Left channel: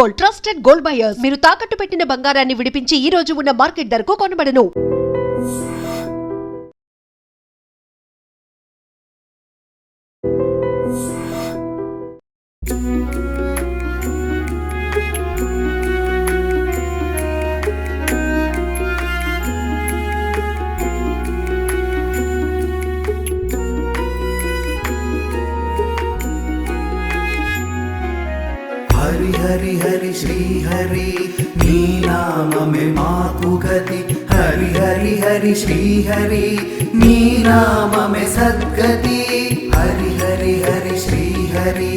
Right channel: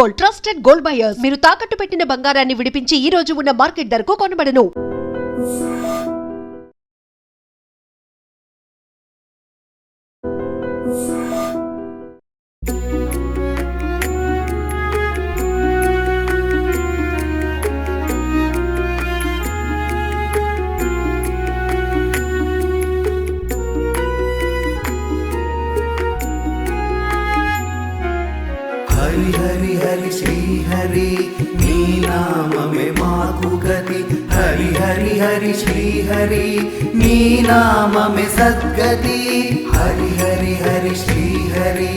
Gold, trusted gold buyers. మీరు తాకట్టు పెట్టిన బంగారాన్ని విడిపించి ఈ రోజు ఉన్న మార్కెట్ ధరకు కొనబడను. हरि हरि हरि श्री हरि नी नाम में माकु गति हरि हरि हरि श्री हरि नी नाम में सद्गति हरि हरि हरि श्री हरि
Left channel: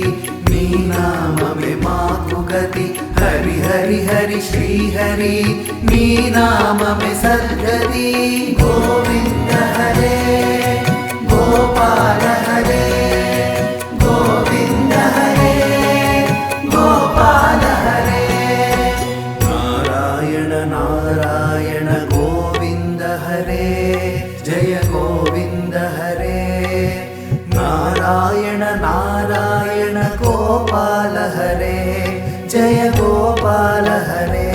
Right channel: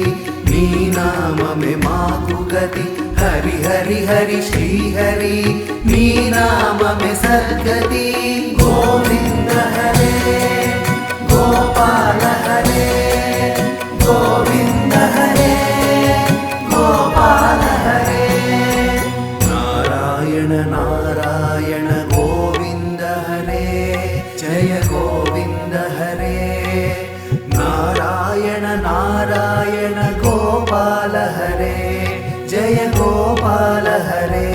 नी नाम में माकु गति हरि हरि हरि श्री हरि नी नाम में सद्गति गोविंद हरे गोपाल हरे गोविंद हरे गोपाल हरे नारायण नारायण गोविंद हरे जय गोविंद हरे नारायण नारायण गोपाल हरे जय गोपाल हरे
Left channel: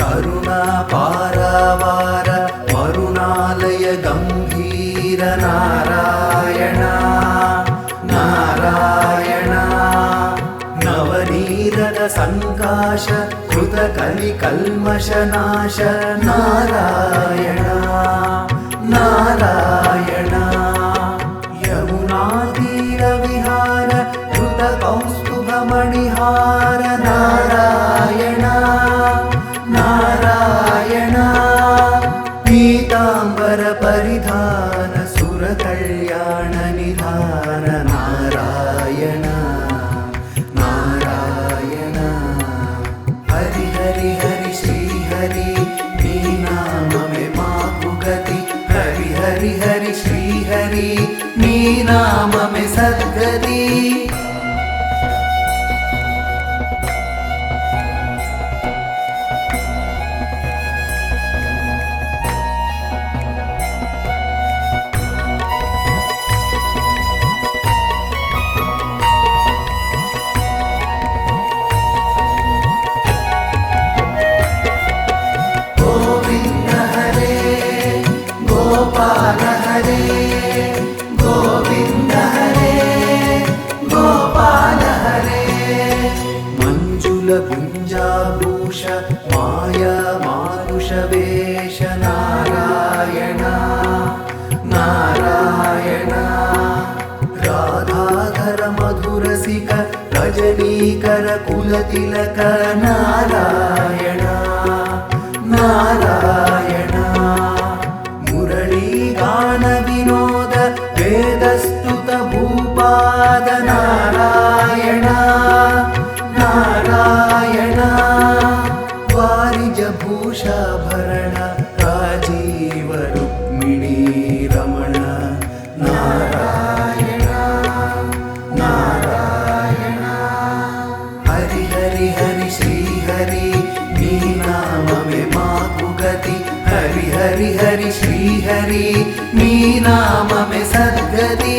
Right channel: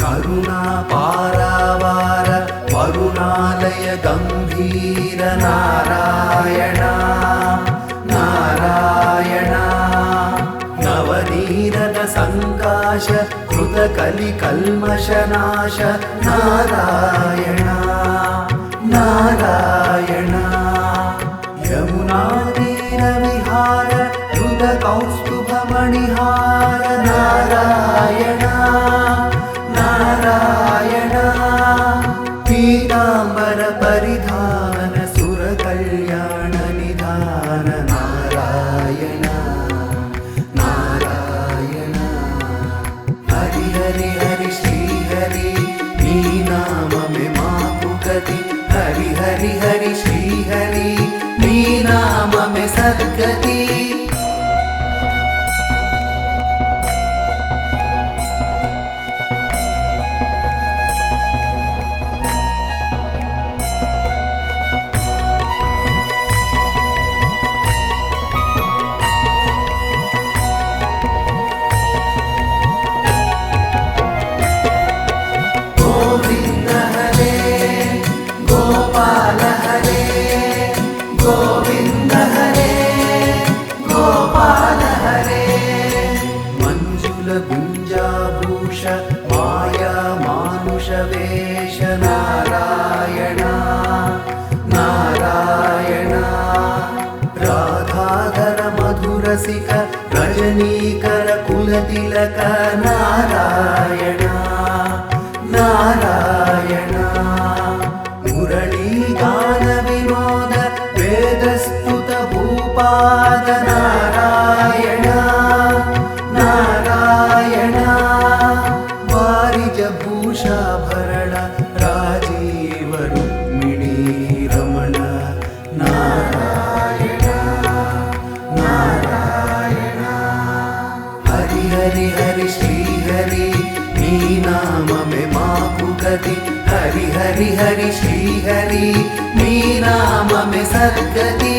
करुणा पारावार वरुणालय गंभीर नारायण नारायण नवनीरद संकाश कृत कलि कल्मषनाश नारायण नारायण यमुना तीर विहार कृत कौस्तुभ मणिहार नारायण नारायण पीतांबर परिधान सुर कल्याण निधान नारायण नारायण हरि हरि हरि श्री हरि नी नाम में माकु गति हरि हरि हरि श्री हरि नी नाम में सद्गति गोविंद हरे गोपाल हरे गोविंद हरे गोपाल हरे मंजुल गुंजाभूष माया मानुष वेश नारायण नारायण राधाधर मधुरसिक रजनीकर कुलतिलक नारायण नारायण मुरली गान विनोद वेदस्तुत भूपाद नारायण नारायण वारिज भूषाभरण राजीव रुक्मिणी रमण नारायण नारायण हरि हरि हरि श्री हरि नी नाम में माकु गति हरि हरि हरि श्री हरि नी नाम में सद्गति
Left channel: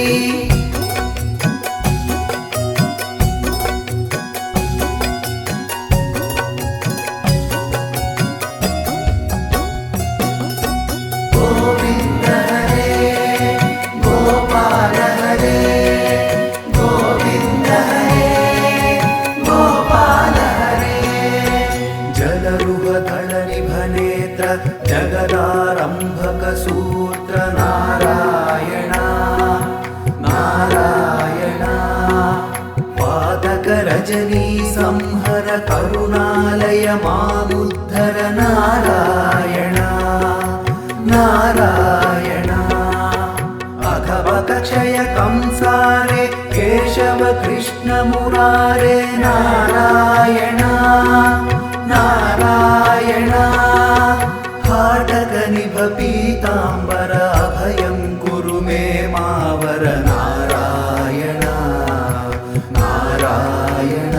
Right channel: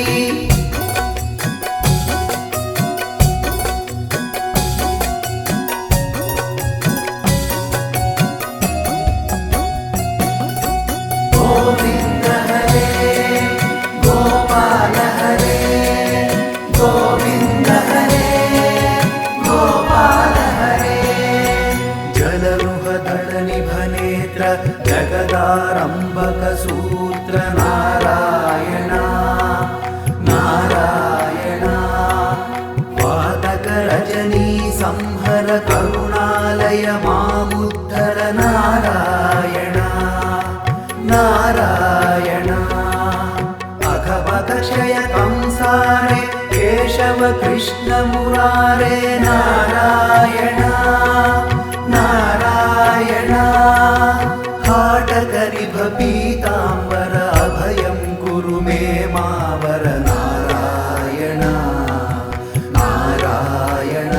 गोविंद हरे गोपाल हरे गोविंद हरे गोपाल हरे जलरुह दल निभ नेत्र जगदारंभक सूत्र नारायण नारायण पातक रजनी संहर करुणालय मामुद्धर नारायण नारायण अघवक क्षय कंसारे केशव कृष्ण मुरारे नारायण नारायण हाटक निभ पीतांबर अभयं कुरु मे मावर नारायण नारायण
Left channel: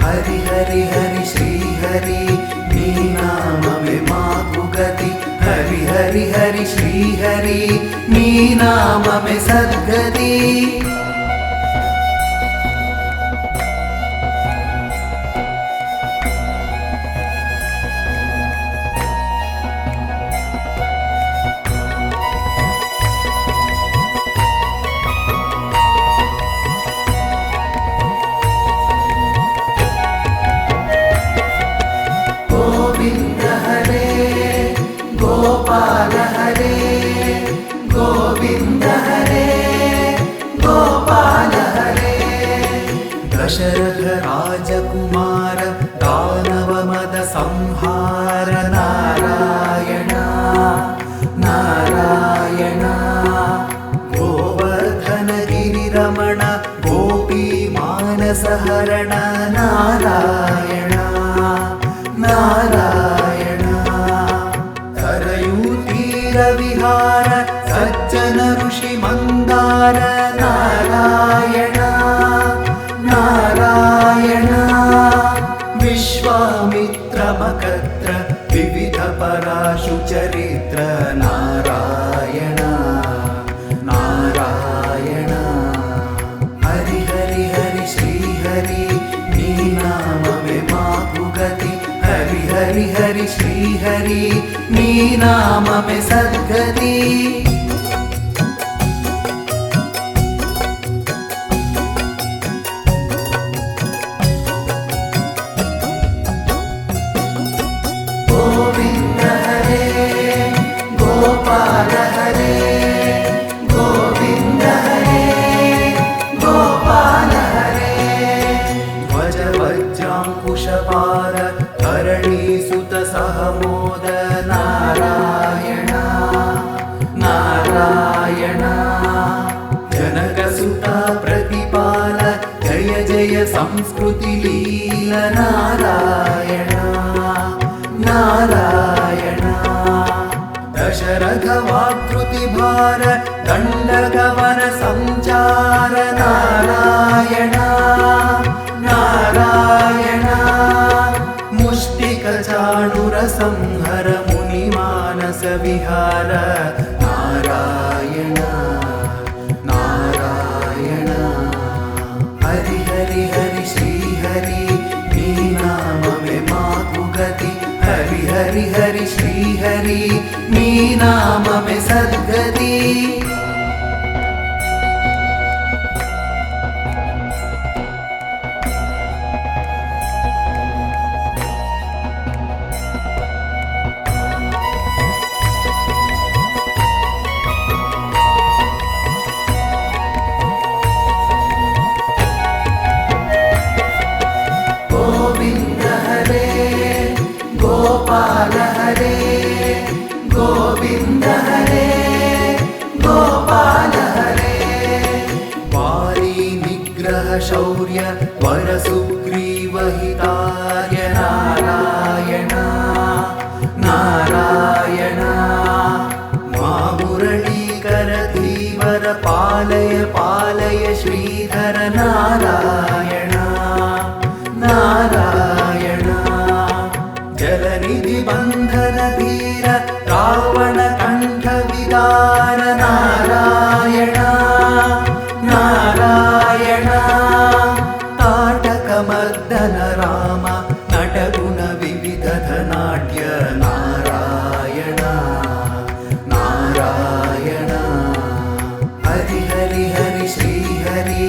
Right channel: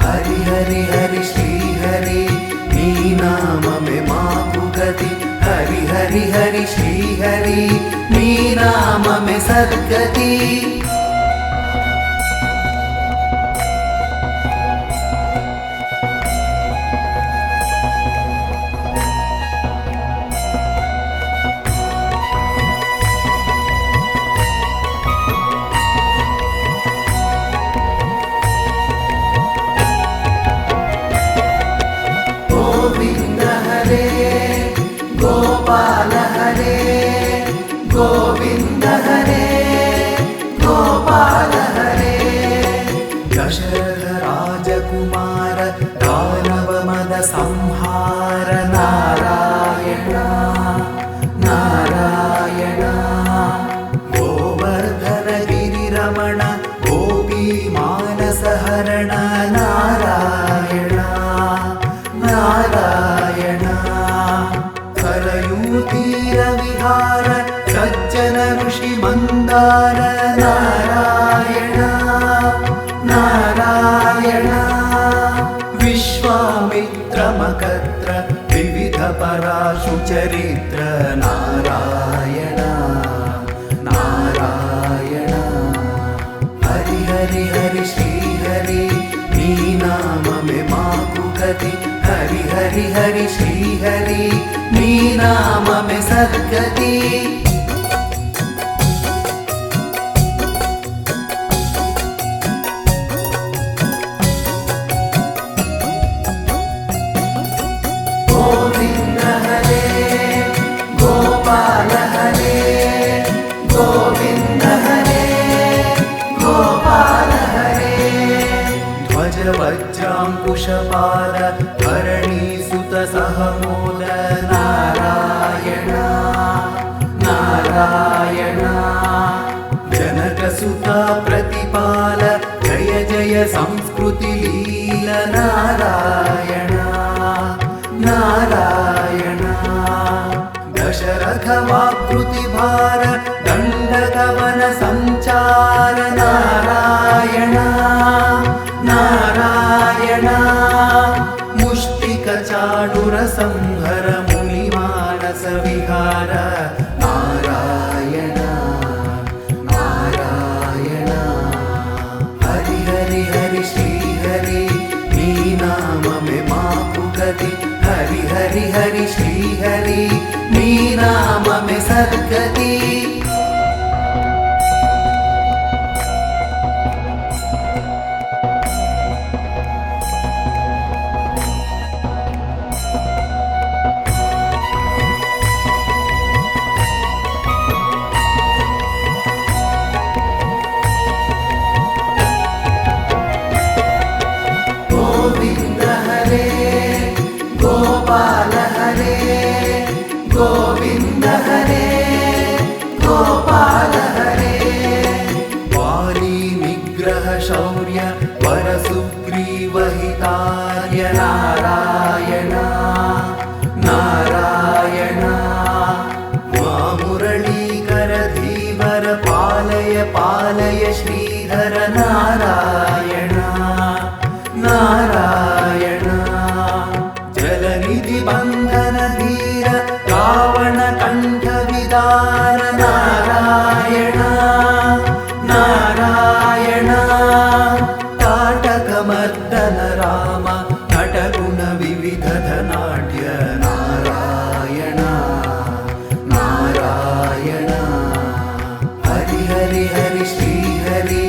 हरि हरि हरि श्री हरि नी नाम में माकु गति हरि हरि हरि श्री हरि नी नाम में सद्गति गोविन्द हरे गोपाल हरे गोविन्द हरे गोपाल हरे दशरथ राजकुमार दानव मद संहार नारायण नारायण गोवर्धन गिरिरमण गोपी मानस हरण नारायण नारायण करयूतीर विहार सज्जन ऋषि मंदार नारायण नारायण विश्वामित्र मकत्र विविध पराशु चरित्र नारायण नारायण हरि हरि हरि श्री हरि नी नाम में माकु गति हरि हरि हरि श्री हरि नी नाम में सद्गति गोविंद हरे गोपाल हरे गोविंद हरे गोपाल हरे ध्वज वज्रांकुशपाद धरणी सुत सहमोद नारायण नारायण जनक सुत प्रतिपाल जय जय संस्कृति लीला नारायण नारायण दशरथ वाकृति भार दंडगवन संचार नारायण नारायण मुष्टिक चाणुर संहर मुनि मानस विहार नारायण नारायण हरि हरि हरि श्री हरि नी नाम में माकु गति हरि हरि हरि श्री हरि नी नाम में सद्गति गोविंद हरे गोपाल हरे गोविंद हरे गोपाल हरे वारी निग्रह शौर्य वर सुग्रीव हितार्य नारायण नारायण मुरलीकर धीवर पालय पालय श्रीधर नारायण नारायण जलनिधि बंधन धीर रावण कंठ विदार नारायण नारायण ताटक मर्दन राम नटगुण विविध धनाढ्य नारायण नारायण हरि हरि हरि श्री हरि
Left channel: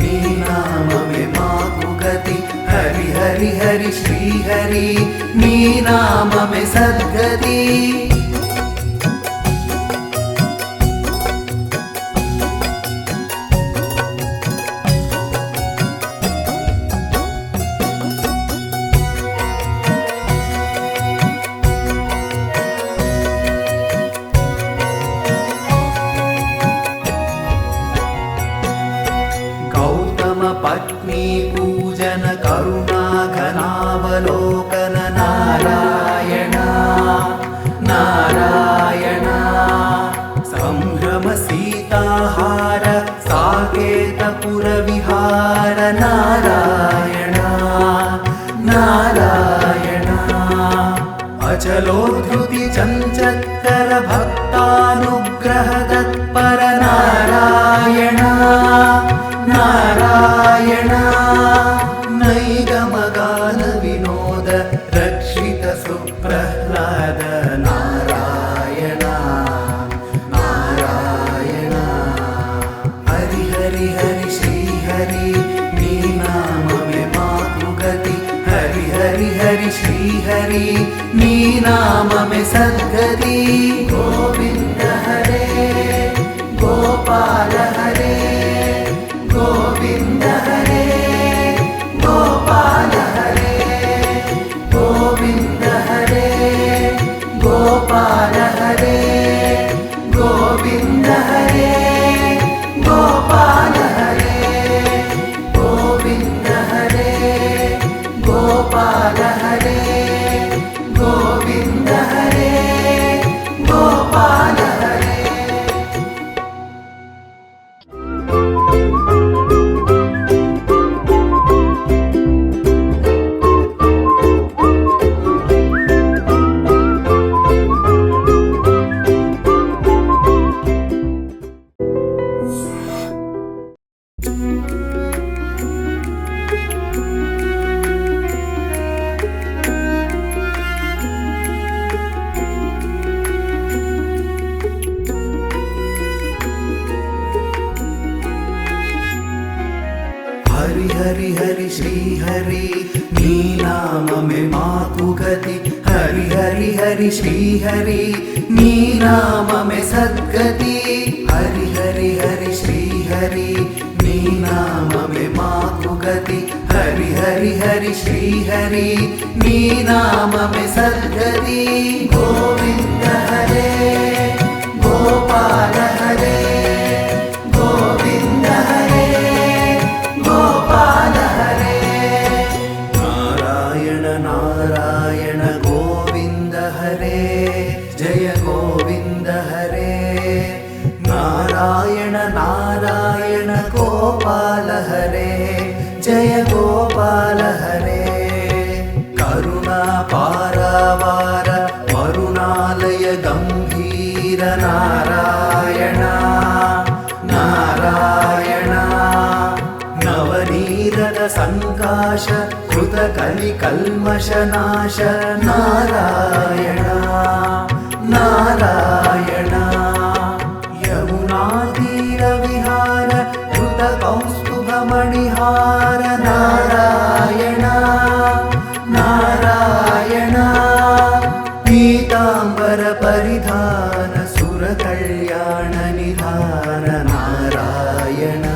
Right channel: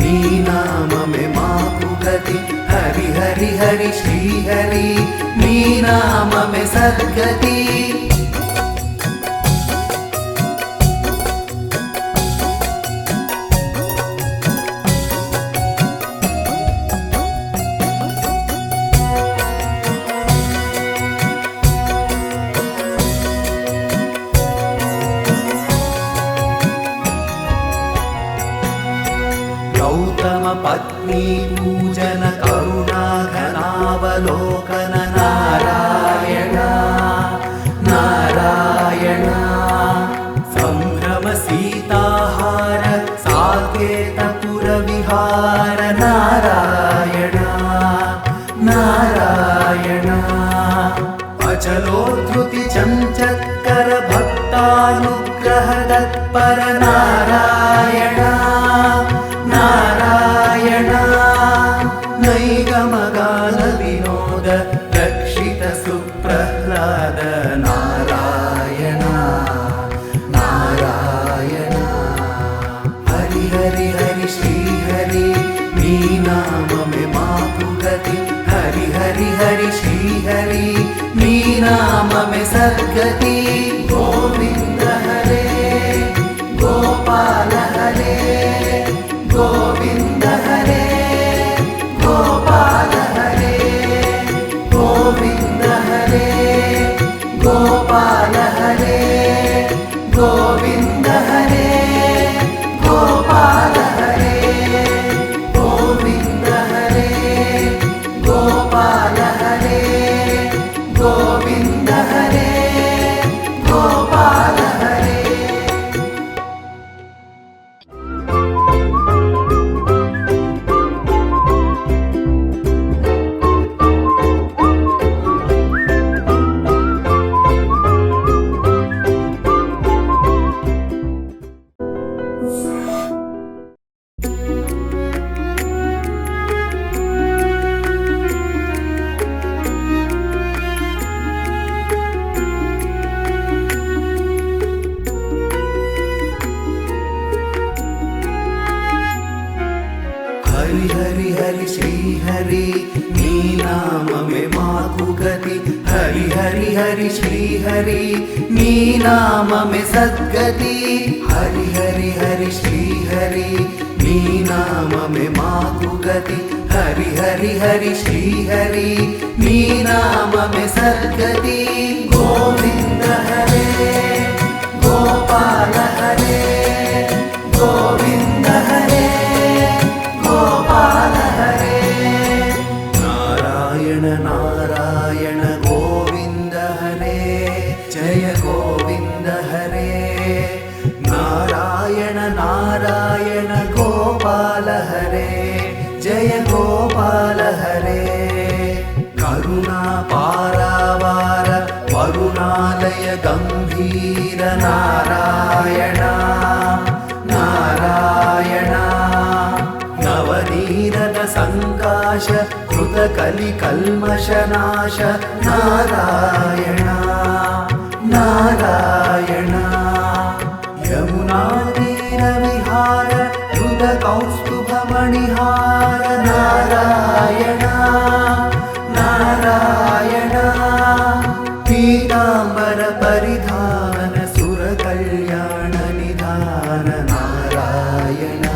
नी नाम में माकु गति हरि हरि हरि श्री हरि नी नाम में सद्गति गौतम पत्नी पूजन करुणा घनावलोकन नारायण नारायण संभ्रम सीताहार साकेतपुर विहार नारायण नारायण अचलोद्धृति चञ्चत्कर भक्तानुग्रह तत्पर नारायण नारायण नैगमगान विनोद रक्षित सुप्रह्लाद नारायण नारायण हरि हरि हरि श्री हरि नी नाम में मातु गति हरि हरि హరి హరి శ్రీహరి నీ నామమే సద్గతి గోవింద హరే గోపాల హరే గోవింద హరే గోపాల హరే గోవింద హరే గోపాల హరే గోవింద హరే గోపాల హరే గోవింద హరే గోపాల హరే గోవింద హరే గోపాల హరే హరి హరి హరి శ్రీహరి నీ నామమే మాకు గతి హరి హరి హరి శ్రీహరి నీ నామమే సద్గతి హరి హరి హరి శ్రీహరి నీ నామమే మాకు గతి హరి హరి హరి శ్రీహరి నీ నామమే సద్గతి గోవింద హరే గోపాల హరే గోవింద హరే గోపాల హరే నారాయణ నారాయణ గోవింద హరే జయ గోవింద హరే నారాయణ నారాయణ గోపాల హరే జయ గోపాల హరే కరుణా పారావార వరుణాలయ గంభీర నారాయణ నారాయణ నవనీరద సంకాశ కృత కలి కల్మషనాశ నారాయణ నారాయణ యమునా తీర విహార కృత కౌస్తుభ మణిహార నారాయణ నారాయణ పీతాంబర పరిధాన సుర కళ్యాణ నిధాన నారాయణ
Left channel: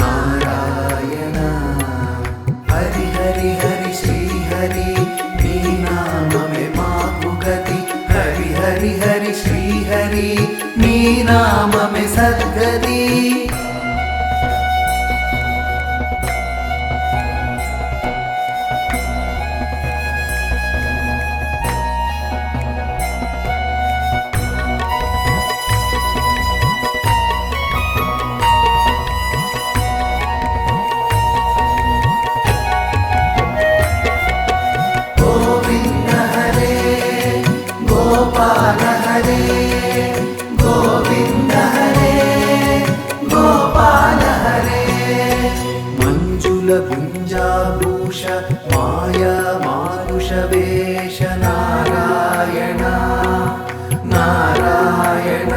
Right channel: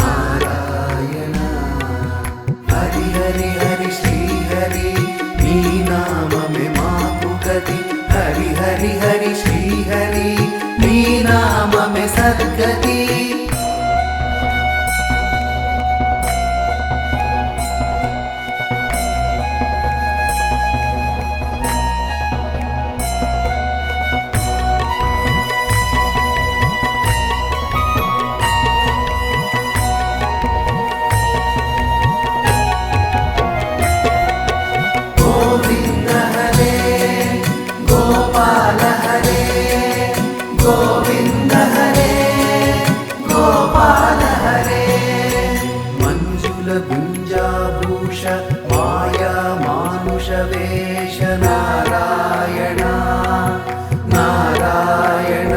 నారాయణ హరి హరి హరి శ్రీహరి నీ నామమే మాకు గతి హరి హరి హరి శ్రీహరి నీ నామమే సద్గతి గోవింద హరే గోపాల హరే గోవింద హరే గోపాల హరే మంజుల గుంజాభూష మాయా మానుష వేష నారాయణ నారాయణ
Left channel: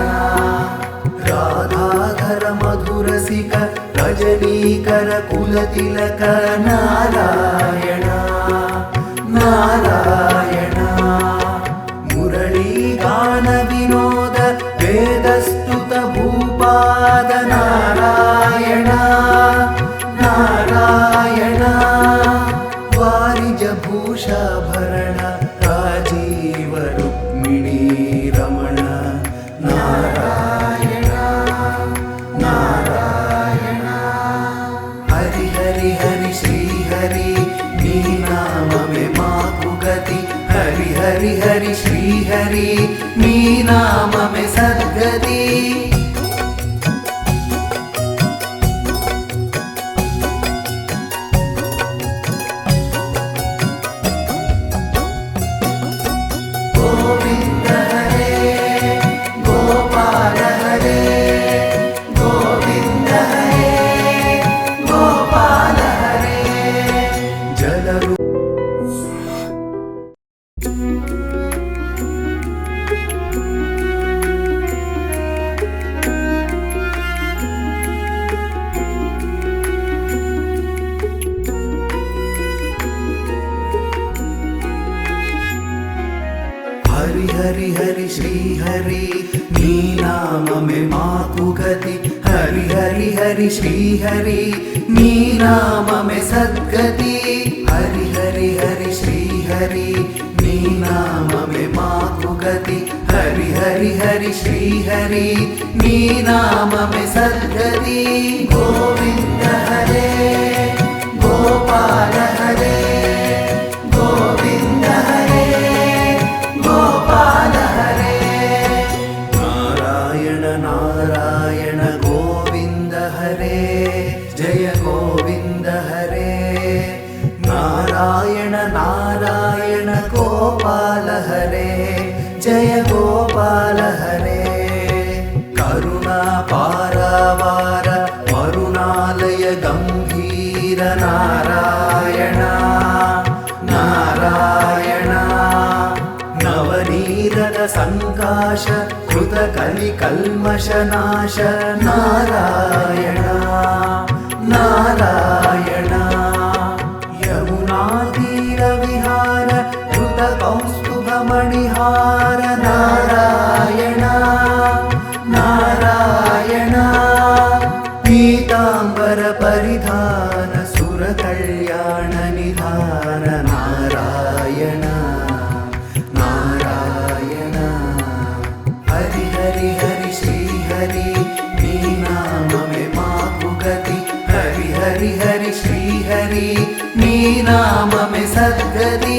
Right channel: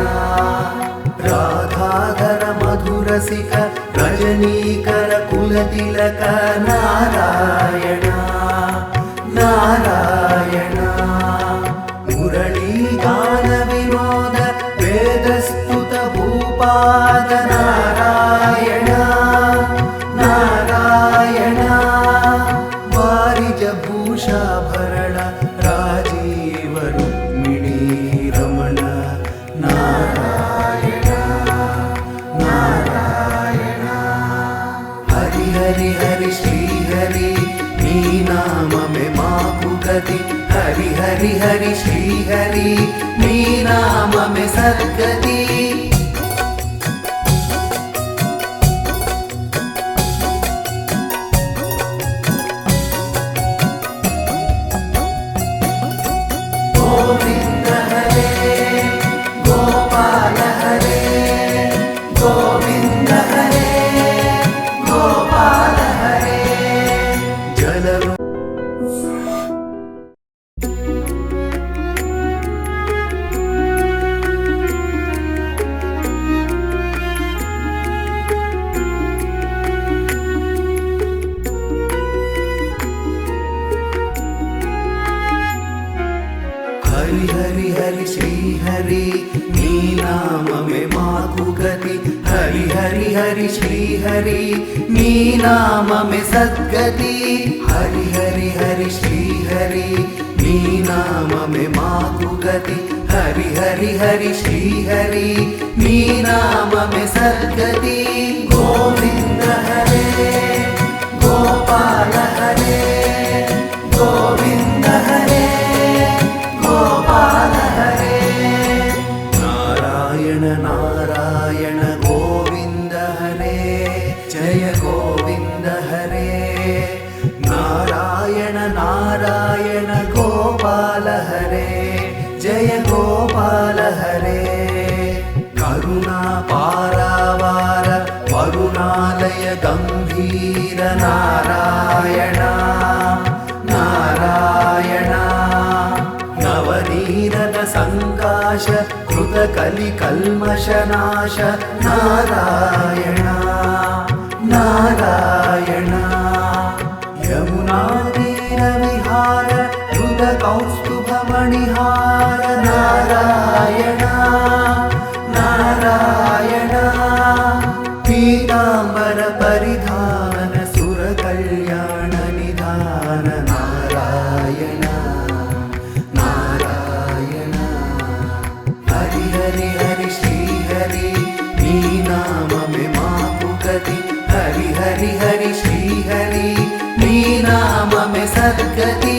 రాధాధర మధురసిక రజనీకర కులతిలక నారాయణ నారాయణ మురళీ గాన వినోద వేదస్తుత భూపాద నారాయణ నారాయణ వారిజ భూషాభరణ రాజీవ రుక్మిణీ రమణ నారాయణ నారాయణ హరి హరి హరి శ్రీహరి నీ నామమే మాకు గతి హరి హరి హరి శ్రీహరి నీ నామమే సద్గతి గోవింద హరే గోపాల హరే గోవింద హరే గోపాల హరే జలరు హరి హరి హరి శ్రీ హరి నీ నామమే మాకు గతి హరి హరి హరి శ్రీ హరి నీ నామమే సద్గతి హరి హరి హరి శ్రీ హరి నీ నామమే మాకు గతి హరి హరి హరి శ్రీ హరి నీ నామమే సద్గతి గోవింద హరే గోపాల హరే గోవింద హరే గోపాల హరే నారాయణ నారాయణ గోవింద హరే జయ గోవింద హరే నారాయణ నారాయణ గోపాల హరే జయ గోపాల హరే కరుణా పారావార వరుణాలయ గంభీర నారాయణ నారాయణ నవనీరద సంకాశ కృత కలి కల్మషనాశ నారాయణ నారాయణ యమునా తీర విహార కృత కౌస్తుభ మణిహార నారాయణ నారాయణ పీతాంబర పరిధాన సుర కళ్యాణ నిధాన నారాయణ నారాయణ హరి హరి హరి శ్రీ హరి నీ నామమే మాకు గతి హరి హరి హరి శ్రీ హరి నీ నామమే సద్గతి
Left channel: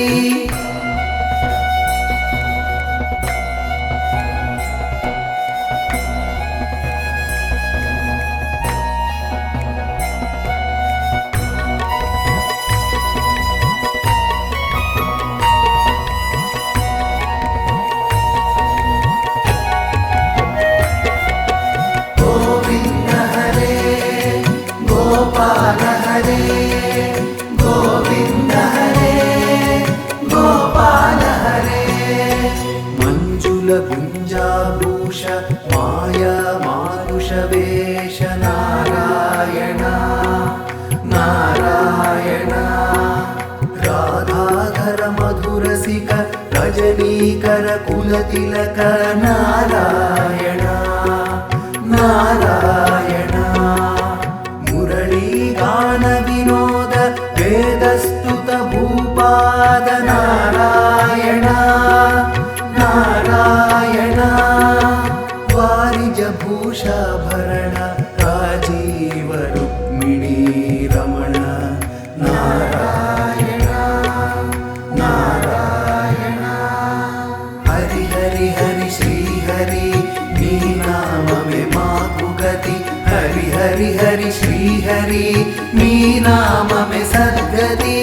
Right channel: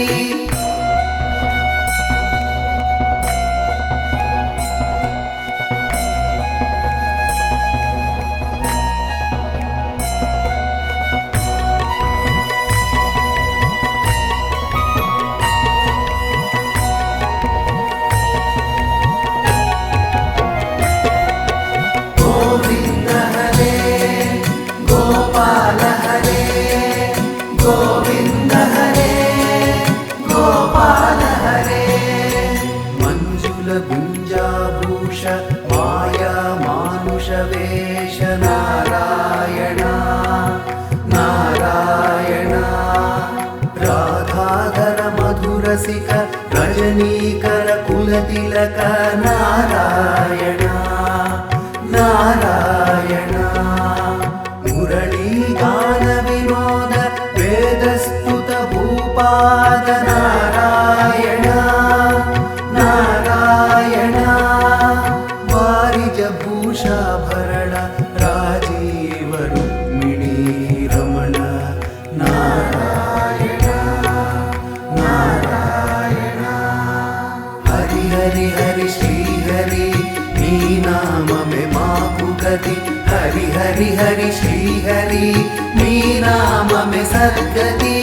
గోవింద హరే గోపాల హరే గోవింద హరే గోపాల హరే మంజుల గుంజాభూష మాయా మానుష వేష నారాయణ నారాయణ రాధాధర మధురసిక రజనీకర కులతిలక నారాయణ నారాయణ మురళీగాన వినోద వేదస్తుత భూపాద నారాయణ నారాయణ వారిజ భూషాభరణ రాజీవ రుక్మిణీ రమణ నారాయణ నారాయణ హరి హరి హరి శ్రీ హరి నీ నామమే మాకు గతి హరి హరి హరి శ్రీ హరి నీ నామమే సద్గతి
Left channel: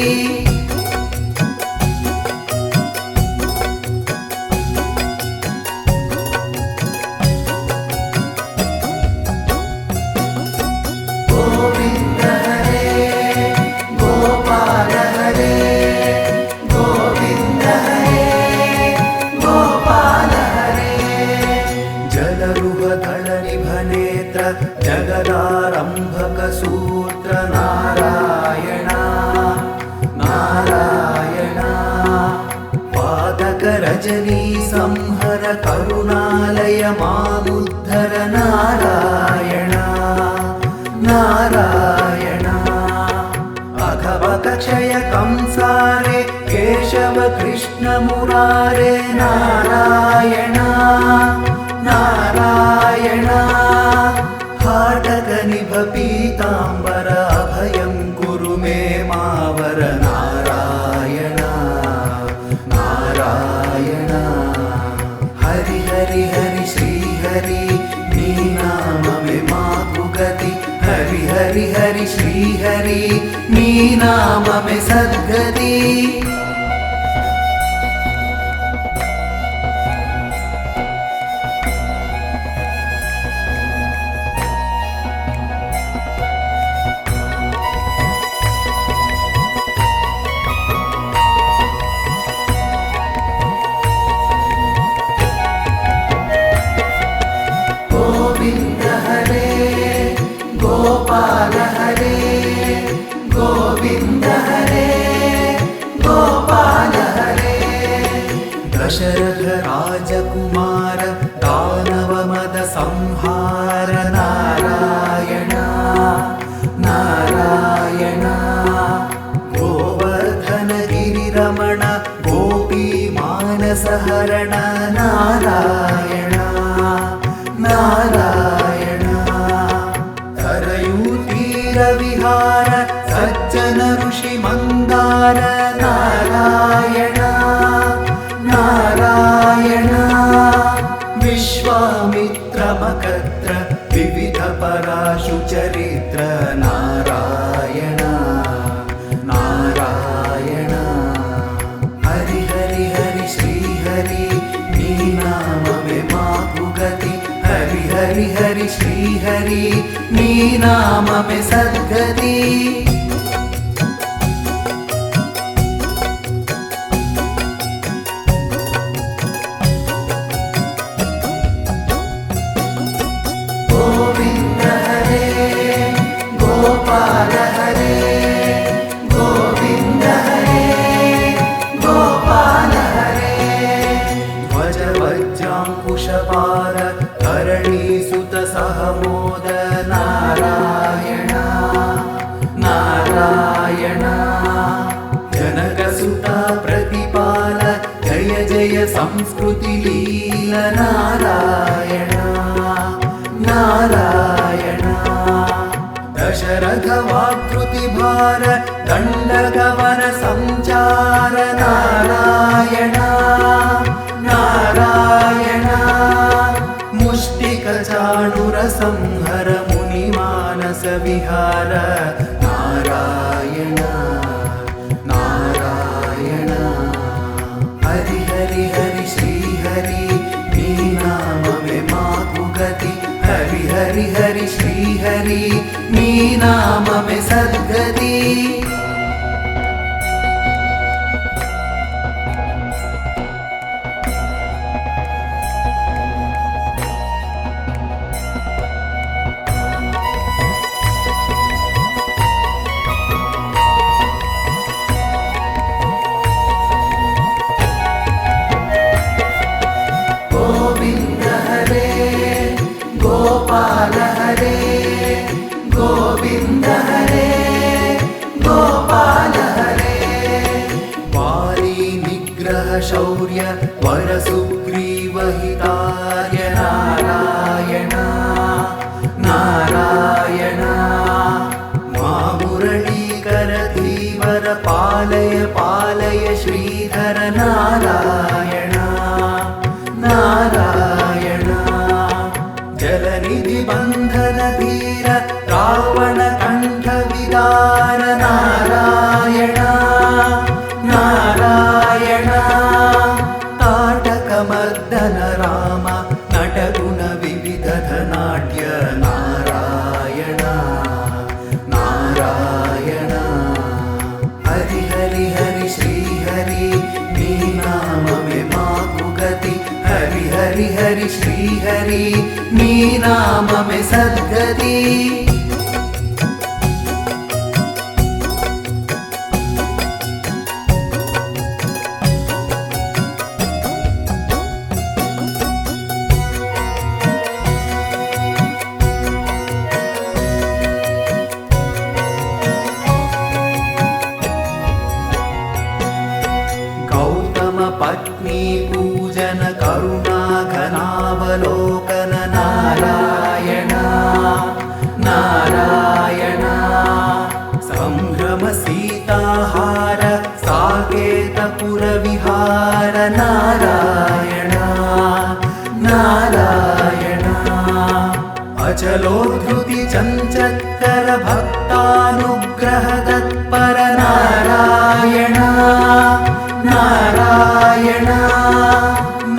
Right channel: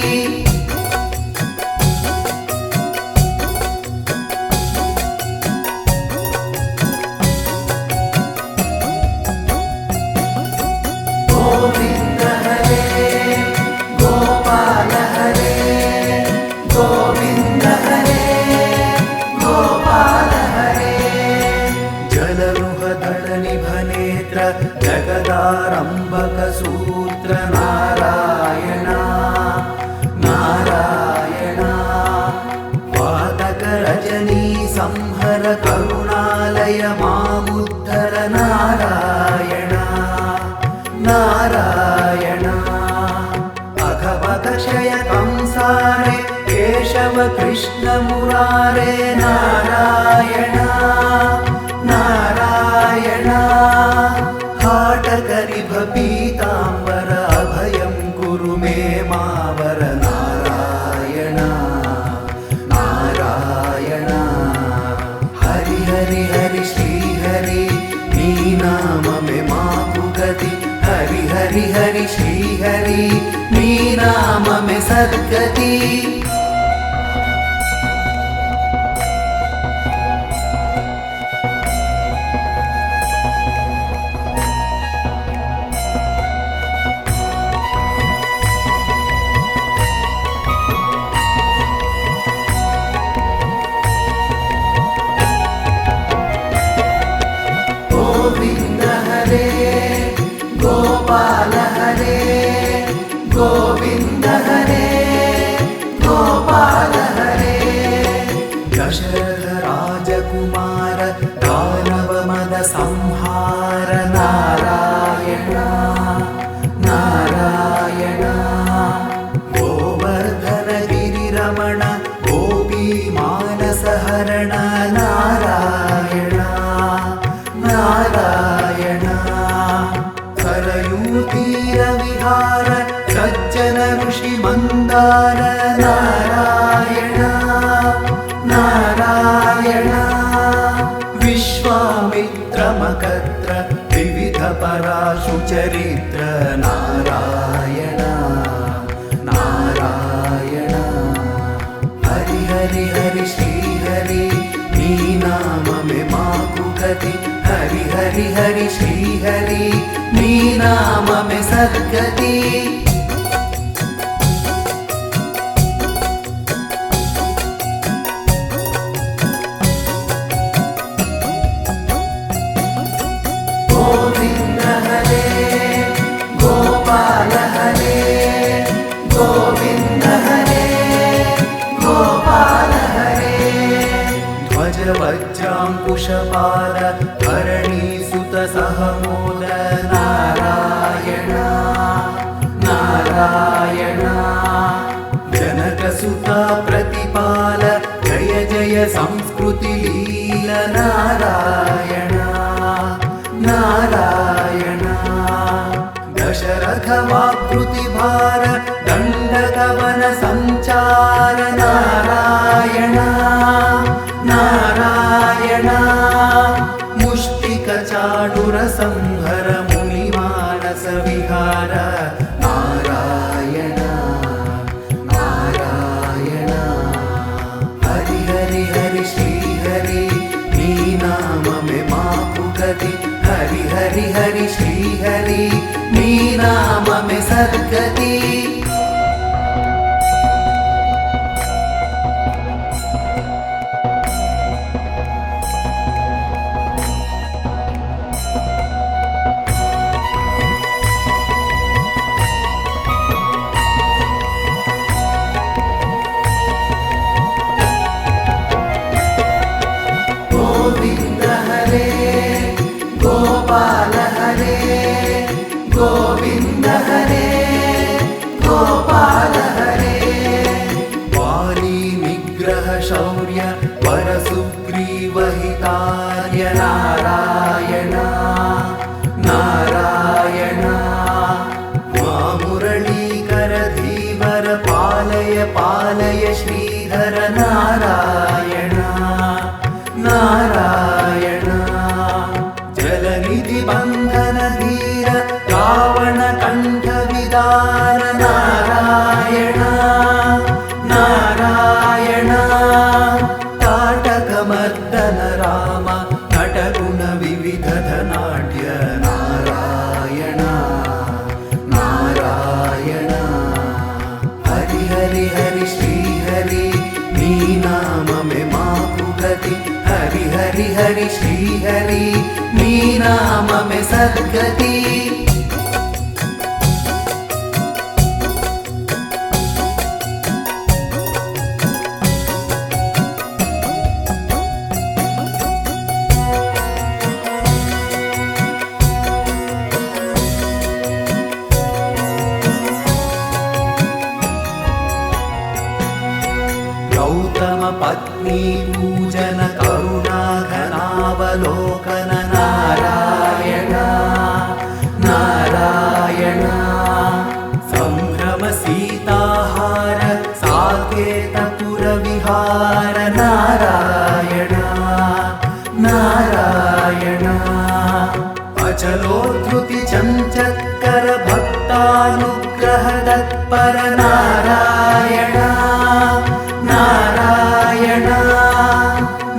గోవింద హరే గోపాల హరే గోవింద హరే గోపాల హరే జలరుహదళ నిభనేత్ర జగదారంభక సూత్ర నారాయణ నారాయణ పాతక రజనీ సంహర కరుణాలయ మాముద్ధర నారాయణ నారాయణ అఘవక క్షయ కంసారే కేశవ కృష్ణ మురారే నారాయణ నారాయణ హాటక నిభ పీతాంబర అభయం కురు మే మావర నారాయణ నారాయణ హరి హరి హరి శ్రీ హరి నీ నామమే మాకు గతి హరి హరి హరి శ్రీ హరి నీ నామమే సద్గతి గోవింద హరే గోపాల హరే గోవింద హరే గోపాల दुर्दशहरण नारायण नारायण सरयूतीरविहार सज्जन ऋषि मन्दार नारायण नारायण विश्वामित्रमकत्र विविध पराशु चरित्र नारायण नारायण हरि हरि हरि श्री हरि नी नाम में माकु गति हरि हरि हरि श्री हरि नी नाम में सद्गति गोविंद हरे गोपाल हरे गोविंद हरे गोपाल हरे ध्वज वज्रांकुशपार धरणीसुत सहमोद नारायण नारायण जनकसुता प्रतिपाल जय जय संस्कृति लील नारायण नारायण दशरथ वाकृति भार दंडगवन संचार नारायण नारायण मुष्टिक चाणुर संहर मुनि मानस विहार नारायण नारायण हरि हरि हरि श्री हरि नी नाम में माकु गति हरि हरि हरि श्री हरि नी नाम में सद्गति गोविंद हरे गोपाल हरे गोविंद हरे गोपाल हरे वारी निग्रह शौर्य वर सुग्रीव हितार्य नारायण नारायण मुरलीकर धीवर पालय पालय श्रीधर नारायण नारायण जलनिधि बंधन धीर रावण कंठ विदार नारायण नारायण ताटक मर्दन राम नटगुण विविध धनाढ्य नारायण नारायण हरि हरि हरि श्री हरि नी नाम में माकु गति हरि हरि हरि श्री हरि नी नाम में सद्गति गौतम पत्नी पूजन करुणा घनावलोकन नारायण नारायण संभ्रम सीताहार साकेतपुर विहार नारायण नारायण अचलोद्धृति चञ्चत्कर भक्तानुग्रह तत्पर नारायण नारायण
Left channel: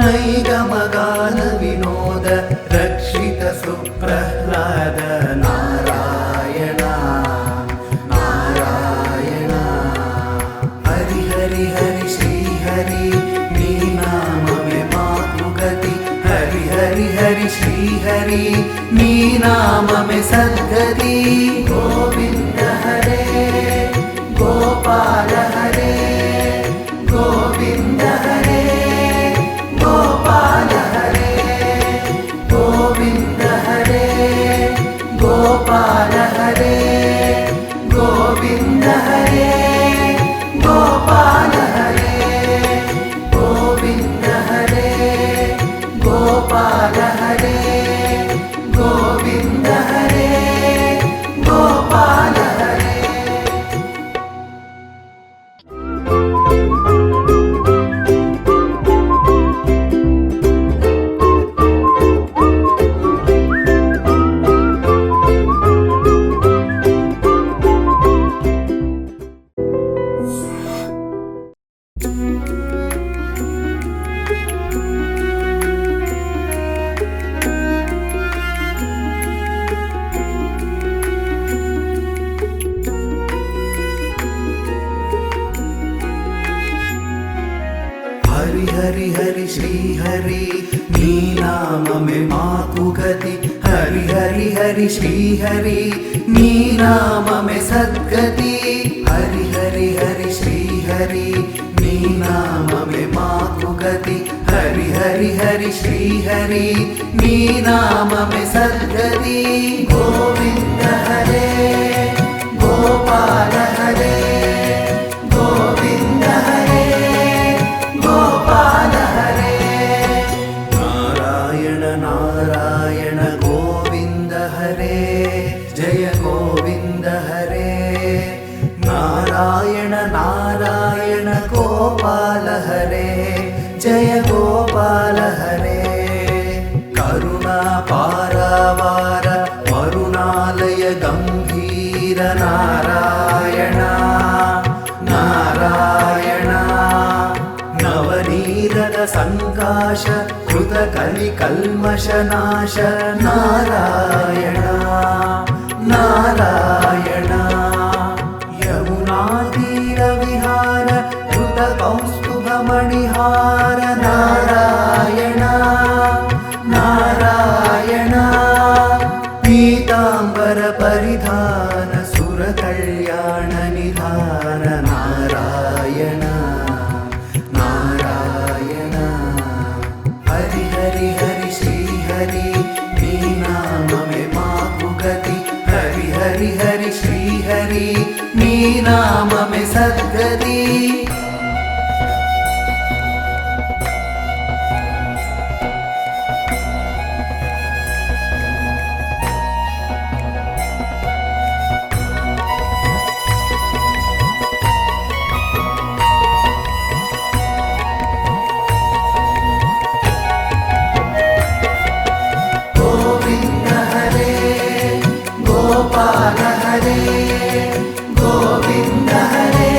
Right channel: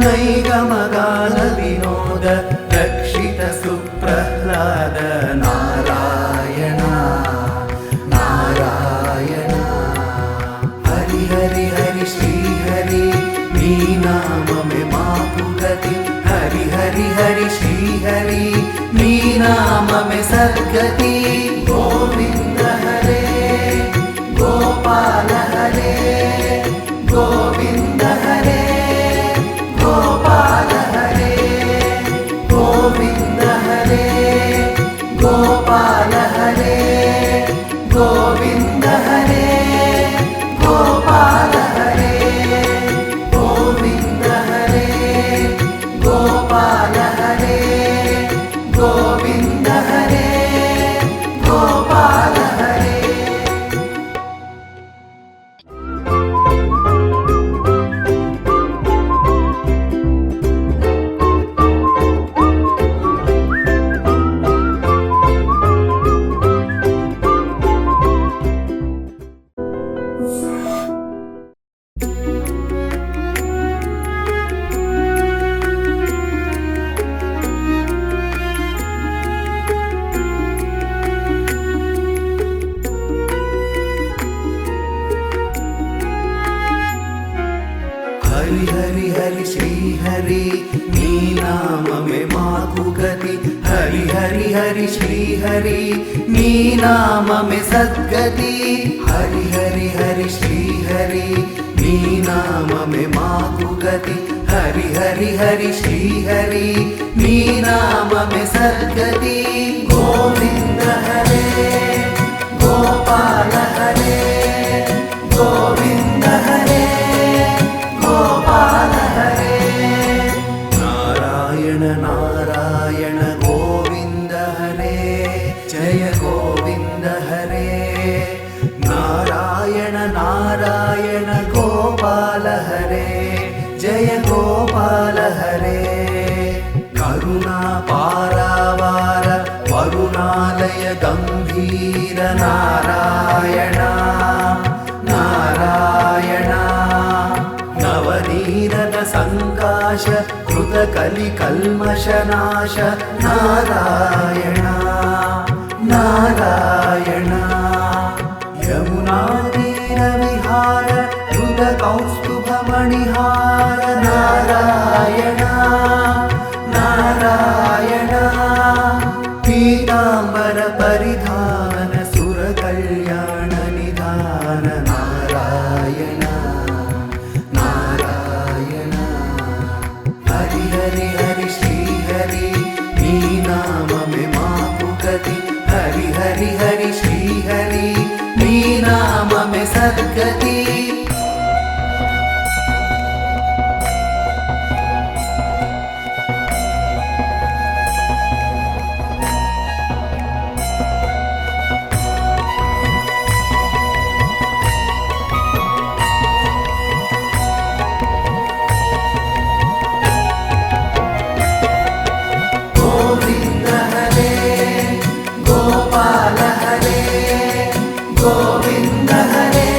नैगमगान विनोद रक्षित सुप्रह्लाद नारायण नारायण हरि हरि हरि श्री हरि नी नाम में माकु गति हरि हरि हरि श्री हरि नी नाम में सद्गति गोविंद हरे गोपाल हरे गोविंद हरे गोपाल हरे गोविंद हरे गोपाल हरे गोविंद हरे गोपाल हरे गोविंद హరి హరి హరి శ్రీ హరి నీ నామమే మాకు గతి హరి హరి హరి శ్రీ హరి నీ నామమే సద్గతి హరి హరి హరి శ్రీ హరి నీ నామమే మాకు గతి హరి హరి హరి శ్రీ హరి నీ నామమే సద్గతి గోవింద హరే గోపాల హరే గోవింద హరే గోపాల హరే నారాయణ నారాయణ గోవింద హరే జయ గోవింద హరే నారాయణ నారాయణ గోపాల హరే జయ గోపాల హరే కరుణా పారావార వరుణాలయ గంభీర నారాయణ నారాయణ నవనీరద సంకాశ కృత కలి కల్మషనాశ నారాయణ నారాయణ యమునా తీర విహార కృత కౌస్తుభ మణిహార నారాయణ నారాయణ పీతాంబర పరిధాన సుర కళ్యాణ నిధాన నారాయణ నారాయణ హరి హరి హరి శ్రీ హరి నీ నామమే మాకు గతి హరి హరి హరి శ్రీ హరి నీ నామమే సద్గతి గోవింద హరే గోపాల హరే గోవింద హరే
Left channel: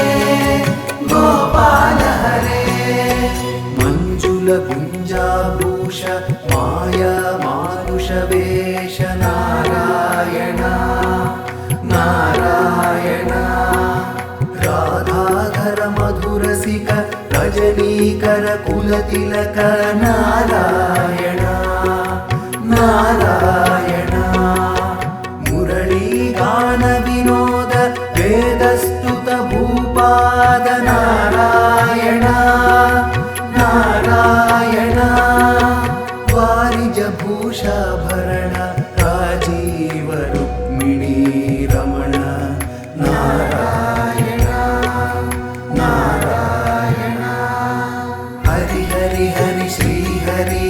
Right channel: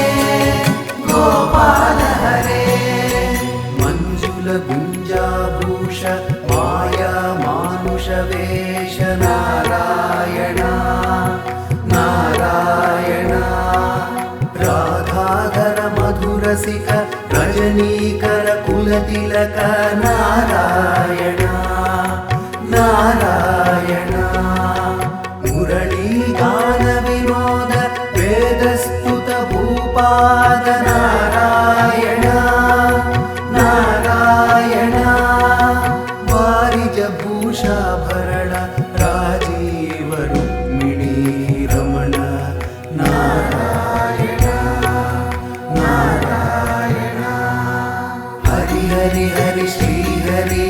గోపాల హరే మంజుల గుంజాభూష మాయా మానుష వేష నారాయణ నారాయణ రాధాధర మధురసిక రజనీకర కులతిలక నారాయణ నారాయణ మురళీగాన వినోద వేదస్తుత భూపాద నారాయణ నారాయణ వారిజ భూషాభరణ రాజీవ రుక్మిణీ రమణ నారాయణ నారాయణ హరి హరి హరి శ్రీ హరి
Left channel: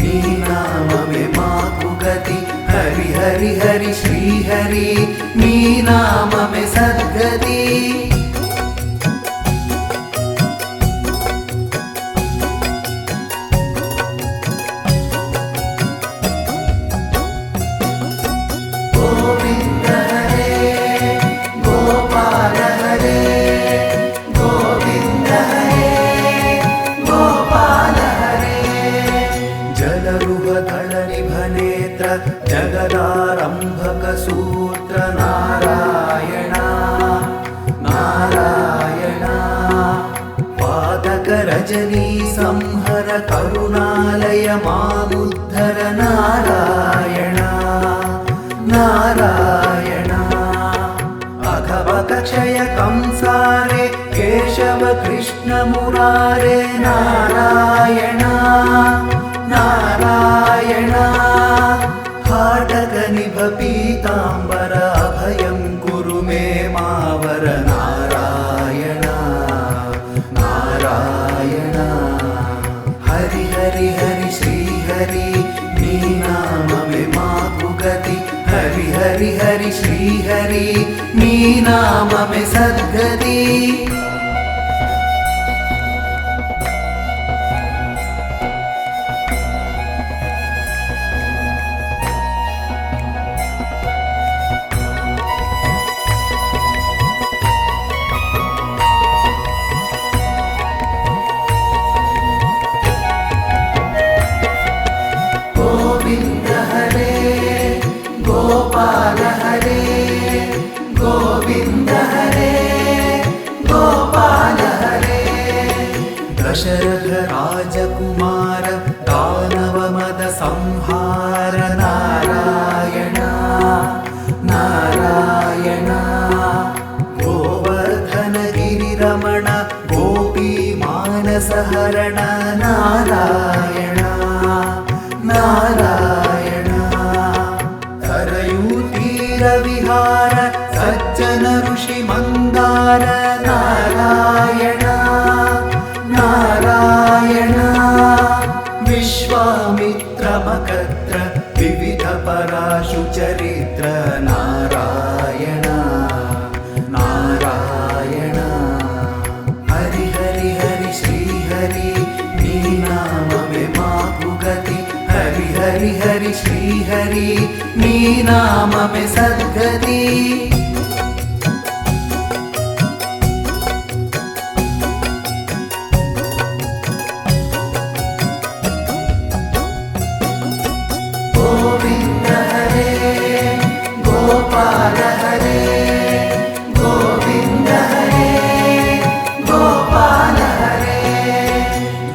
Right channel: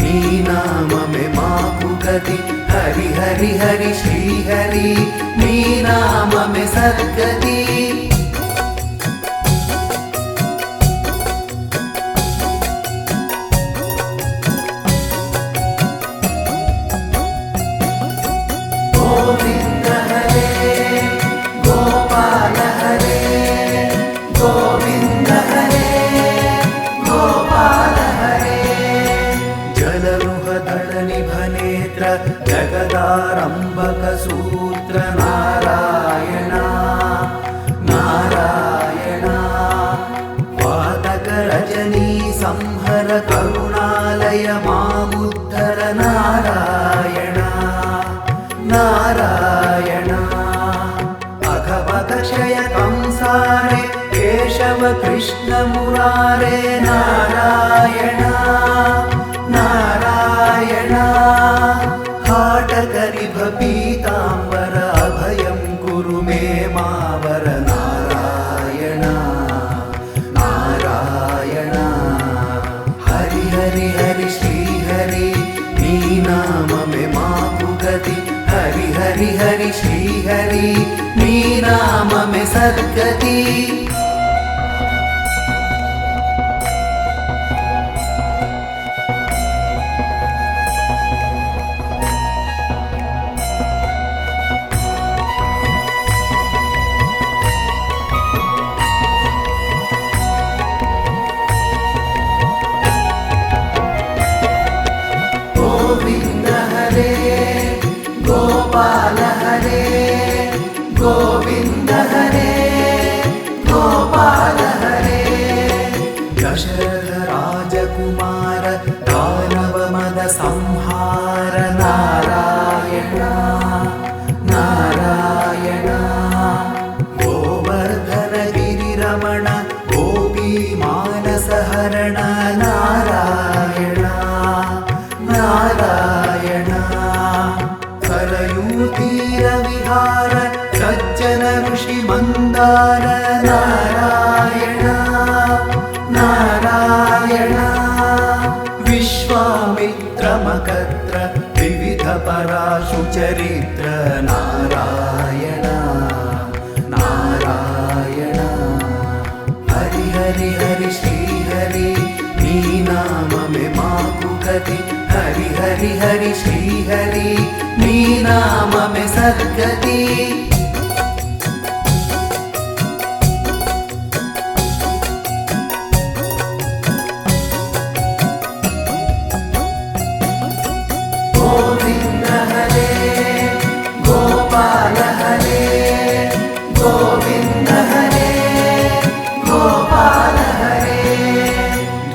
నీ నామమే మాకు గతి హరి హరి హరి శ్రీ హరి నీ నామమే సద్గతి గోవింద హరే గోపాల హరే గోవింద హరే గోపాల హరే జలరుహదళ నిభనేత్ర జగదారంభక సూత్ర నారాయణ నారాయణ పాతక రజనీ సంహర కరుణాలయ మాముద్ధర నారాయణ నారాయణ అఘవక క్షయ కంసారే కేశవ కృష్ణ మురారే నారాయణ నారాయణ హాటక నిభ పీతాంబర అభయం కురు మే మావర నారాయణ నారాయణ హరి హరి హరి శ్రీ హరి నీ నామమే మాకు గతి హరి హరి హరి శ్రీ హరి నీ నామమే సద్గతి గోవింద హరే గోపాల హరే గోవింద హరే గోపాల दशरथ राजकुमार दानव मद संहार नारायण नारायण गोवर्धन गिरिरमण गोपी मानस हरण नारायण नारायण सरयूतीर विहार सज्जन ऋषि मंदार नारायण नारायण विश्वामित्र मकत्र विविध पराशु चरित्र नारायण नारायण हरि हरि हरि श्री हरि नी नाम में माकु गति हरि हरि हरि श्री हरि नी नाम में सद्गति गोविंद हरे गोपाल हरे गोविंद हरे गोपाल हरे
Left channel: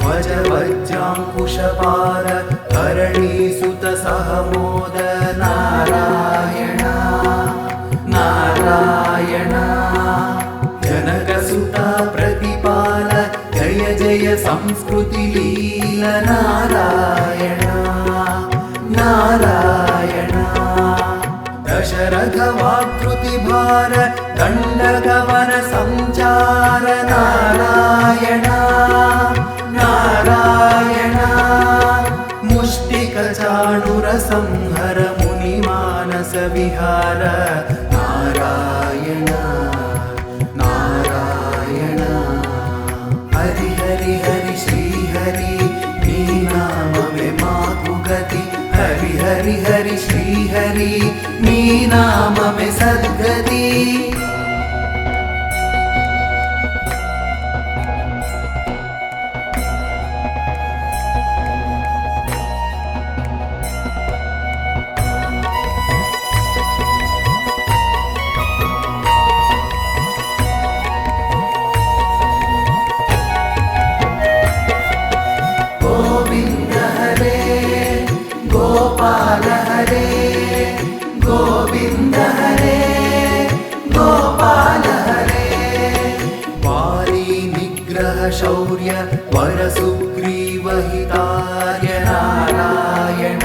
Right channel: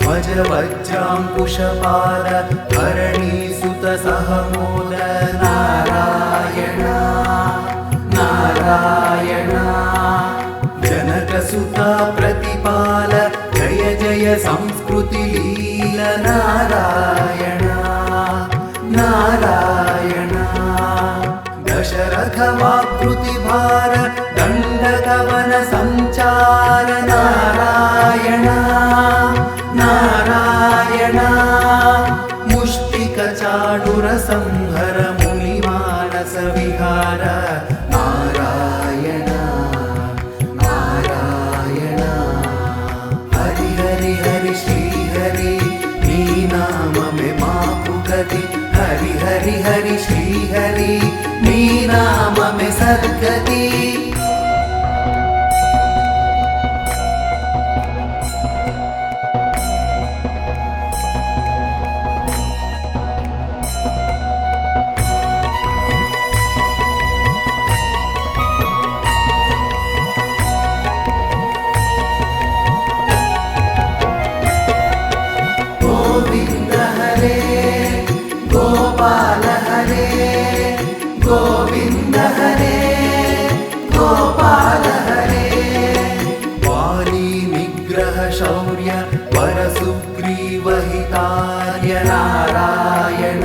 ध्वज वज्रांकुशपार धरणीसुत सहमोद नारायण नारायण जनकसुता प्रतिपाल जय जय संस्कृति लील नारायण नारायण दशरथ वाकृति भार दंडगवन संचार नारायण नारायण मुष्टिक चाणुर संहर मुनि मानस विहार नारायण नारायण हरि हरि हरि श्री हरि नी नाम में माकु गति हरि हरि हरि श्री हरि नी नाम में सद्गति गोविंद हरे गोपाल हरे गोविंद हरे गोपाल हरे वाली निग्रह शौर्य वर सुग्रीव हितार्य नारायण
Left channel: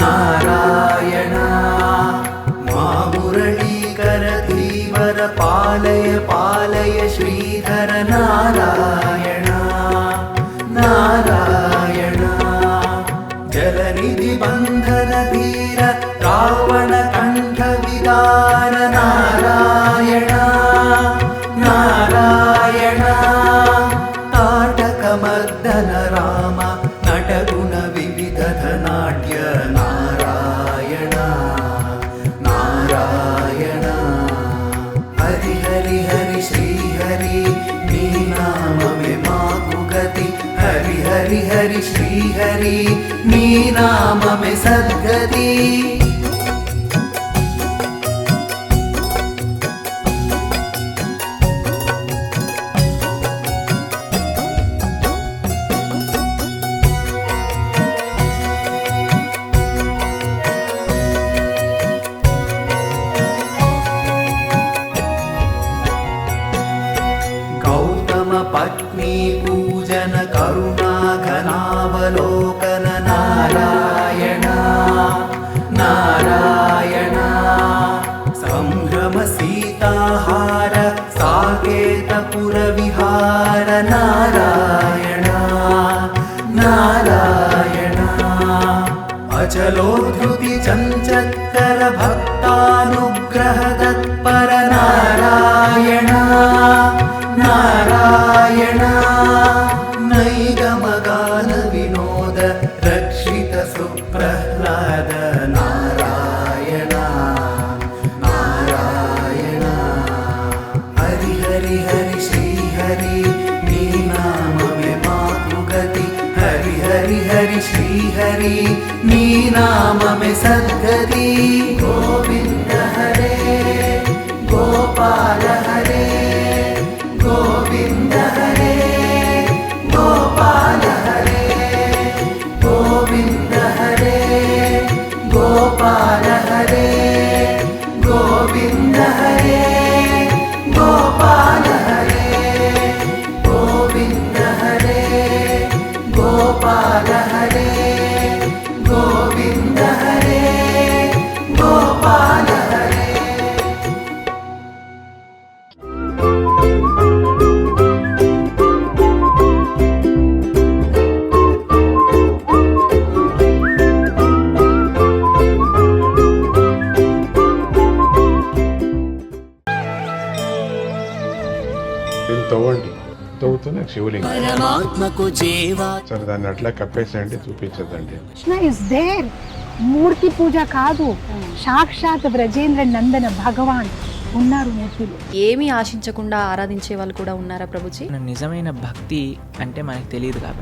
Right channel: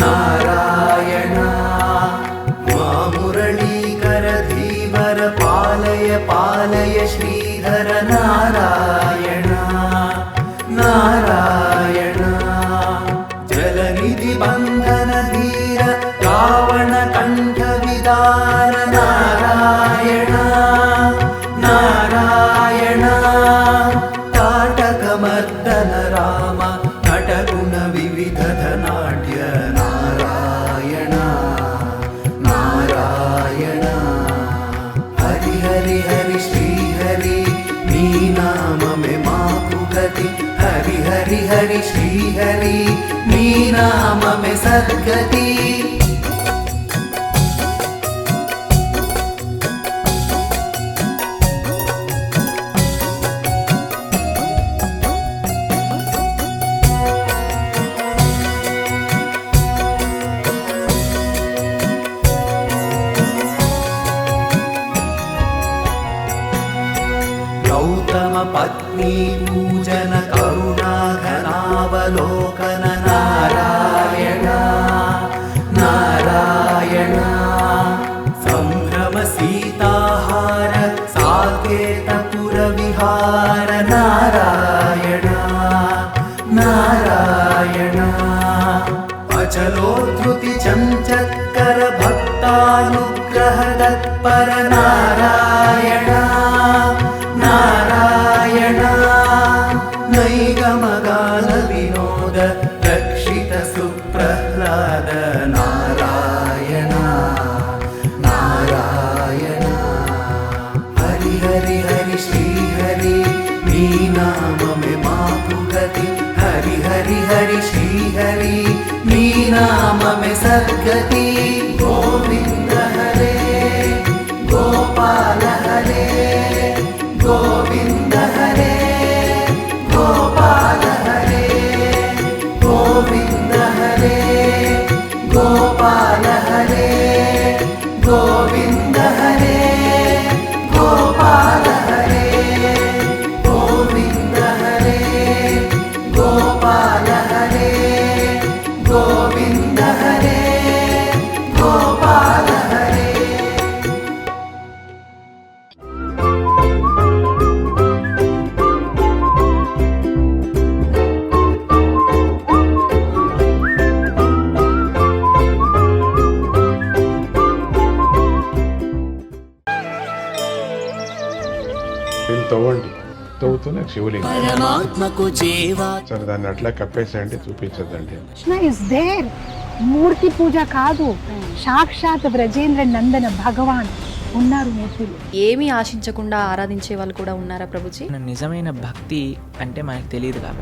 नारायण मुरलीकर धीवर पालय पालय श्रीधर नारायण नारायण जलनिधि बंधन धीर रावण कंठ विदार नारायण नारायण ताटक मर्दन राम नटगुण विविध धनाढ्य नारायण नारायण हरि हरि हरि श्री हरि नी नाम में माकु गति हरि हरि हरि श्री हरि नी नाम में सद्गति गौतम पत्नी पूजन करुणा घनावलोकन नारायण नारायण संभ्रम सीताहार साकेतपुर विहार नारायण नारायण अचलोद्धृति चञ्चत्कर भक्तानुग्रह तत्पर नारायण नारायण नैगमगान विनोद रक्षित सुप्रह्लाद नारायण नारायण हरि हरि हरि श्री हरि नी नाम में माकु गति हरि हरि हरि श्री हरि नी नाम में सद्गति गोविंद हरे गोपाल हरे गोविंद हरे తవ్వుతున్న శివలింగం. పరమాత్మకు జీవా సరే దాన్ని అట్లా కప్పేసేయండి, చూపించదండి. Krishna is there. మూర్తి పూజ కాదు, సాక్షాత్ బ్రజేంద్ర నందన భగవాన్ ఉన్నారు మూర్తిలో. ఏమీ ఆశించకుండా ఆరాధించే వాళ్ళు కూడా ఉన్నారా ప్రభుజీ? నిజమైన భక్తి అంటే మనకు తెలియదు కాబట్టి